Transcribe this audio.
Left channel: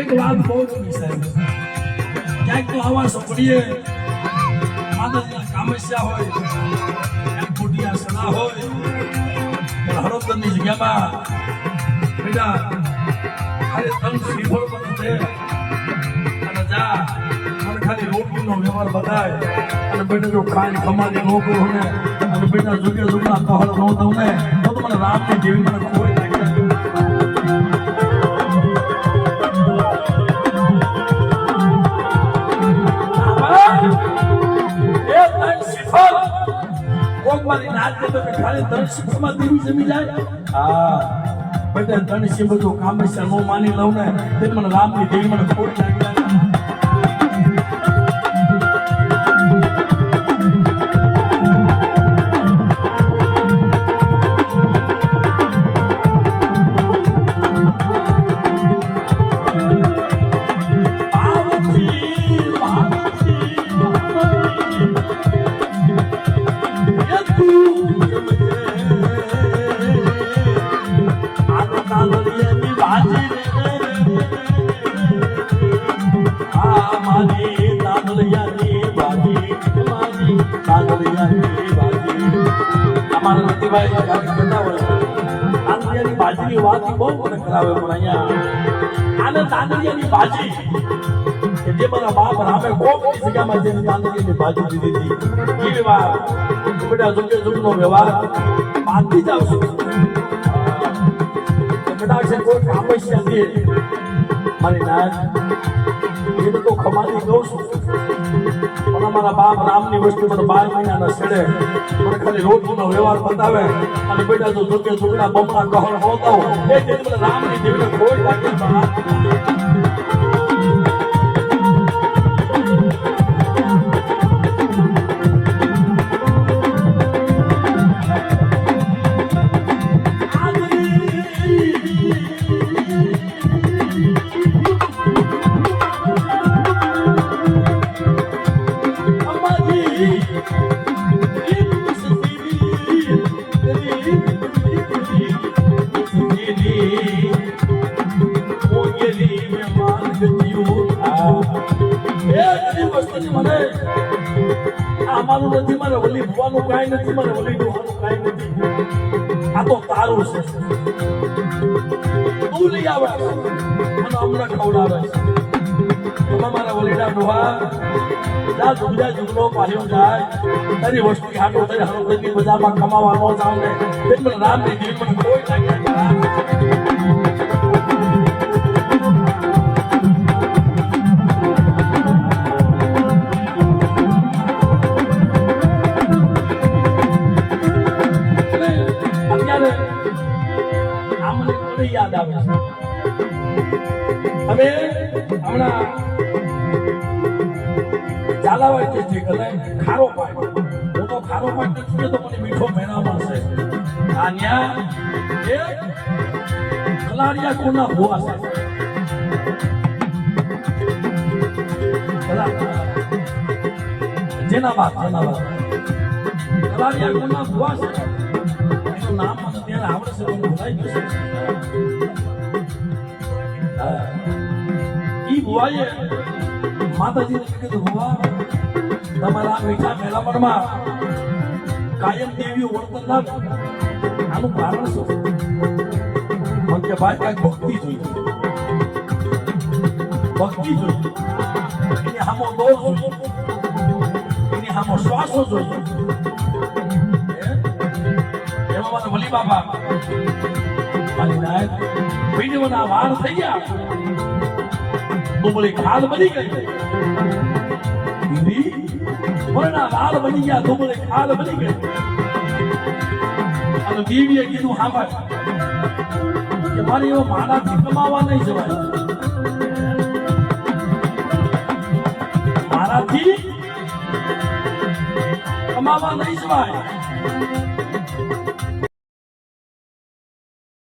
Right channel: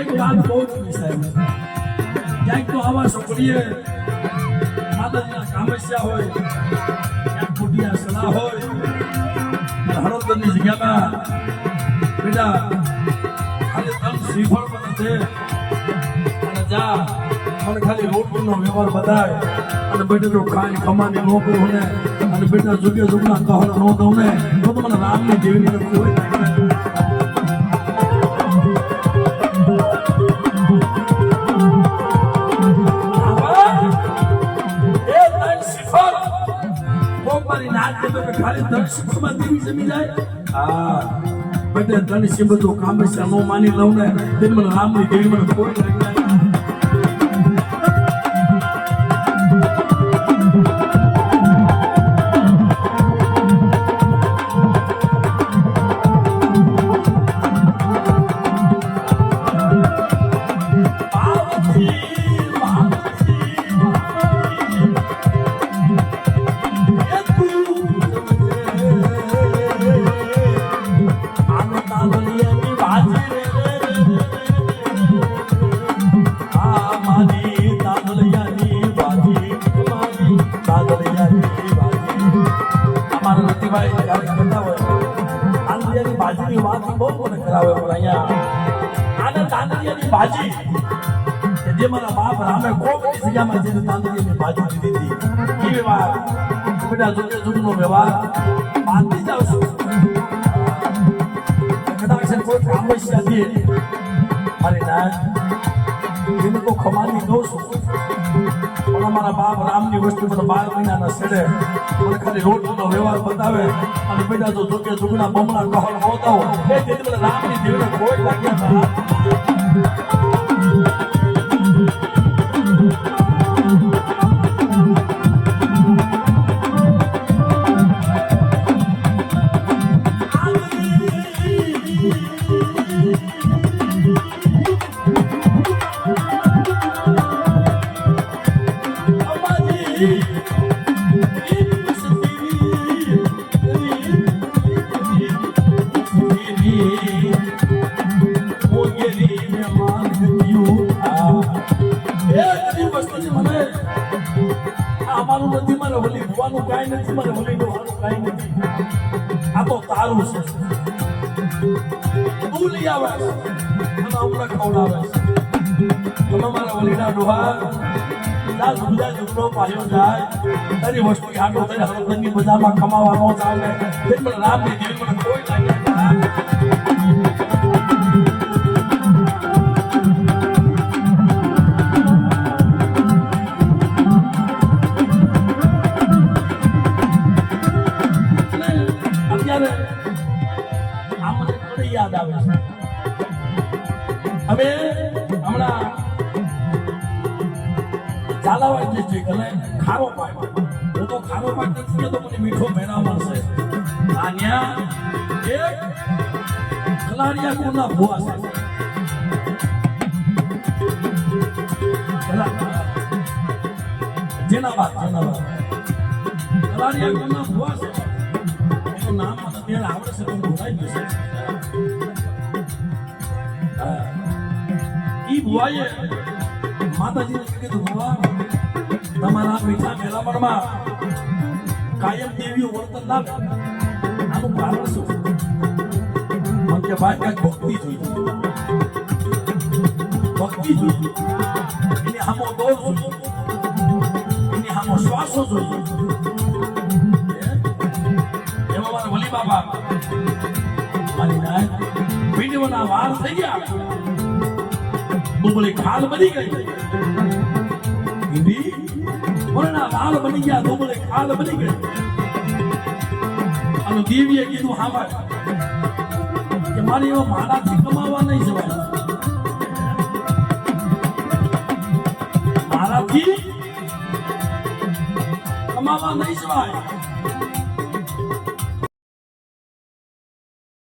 એક વાત બહુ ગમી સાહેબ, ક્યાંક તો આવા સપડીએ માદરના કામસ્યા હોય, ક્યાંક ખોટિયા સડા હોય, હરોદરની જગ્યામાં બેટા ખાલી તન શ્રીફળ પણ છે અને જા મને ખાલી રોટલીનો વ્યવહાર બતાય અને બેટા જો ખાઈ ખમાની નોકરો ને અને બેટા જુગે જુગના કહળ ન દઉં ને તો મને રામની જેવી મને કોઈ મારી નાત તો ખાલી ધન શિક્ષમાં દેવી જમી જાય. હા બેટા ધન શિવ જો કામે છે હું માની લઉં ને તે મને રામની દેવી મને ખોટ લાગે. જે મારા બાપ રામે કોકની જગ્યામાં જઈને તાંદળીની ભાજી દીધી હતી એ વ્યવહાર બેટા જુગે જુગનો વ્યવહાર બાંધી જાવ છું. કદાચ કોઈ સમસ્યા છે મારી ના એને તો ખમાની દો છું પણ અમારા બાપ રામની વસ્તુ મને 12 મહિનાના છેડે મને ખાલી રોટલીનો વ્યવહાર બતાવે અને બેટા જો જુગે જુગના બમણા કહળ હોતો એ જેટલો રામની દેવને કોઈ લાગ્યા આ તો તારું છે તું લઈ આવે અને હમણાં ખવડાવે તમે મારા વલીડા ડોહા જા જુગા જુગનો પાયો જાય તારી વસ્તુ હાટો થઈ હરોદની બજારમાં કમાવાનો જાવ ને તે રામની દેવી મને કોઈ લાગે યાદ આવે હવે હમણાં ચાલાવા જે ખારો પાક હું તો ખારો પાક નથી તો મને મીઠો મેળામાં છે આ ન્યા એક ખલાડિયા કોના ભૂવા છે જેના વાત ખલાડિયા કોના ભૂવા છે એનું નામ મને ત્યારે આવડશે પણ ભૂલાઈ ગયું છે. ભુવાએ માતાજીને કીધું ભુવા તમારા મીઠા મેળાપણમાં કાયમ દેવીઓ વર્તન ના આનું કારણ શું મને કે ભાઈ કાંઈક ભક્તિ જોઈએ એને હામો દોર જોઈએ એને હામો શ્વાસો જોઈએ એમાં મારા વલી બાબા વિડીયોના વાર થઈ ગયા તો બોલે ખાલ બની ગઈ દીદી મોરના લાલ બની ગયા તો બોલે ખાલ બની ગઈ અને દેવીએ કીધું હા કે મારી એવો માનાથી કમાવા નહીં જવાય મારાથી કમાવા નહીં જવાય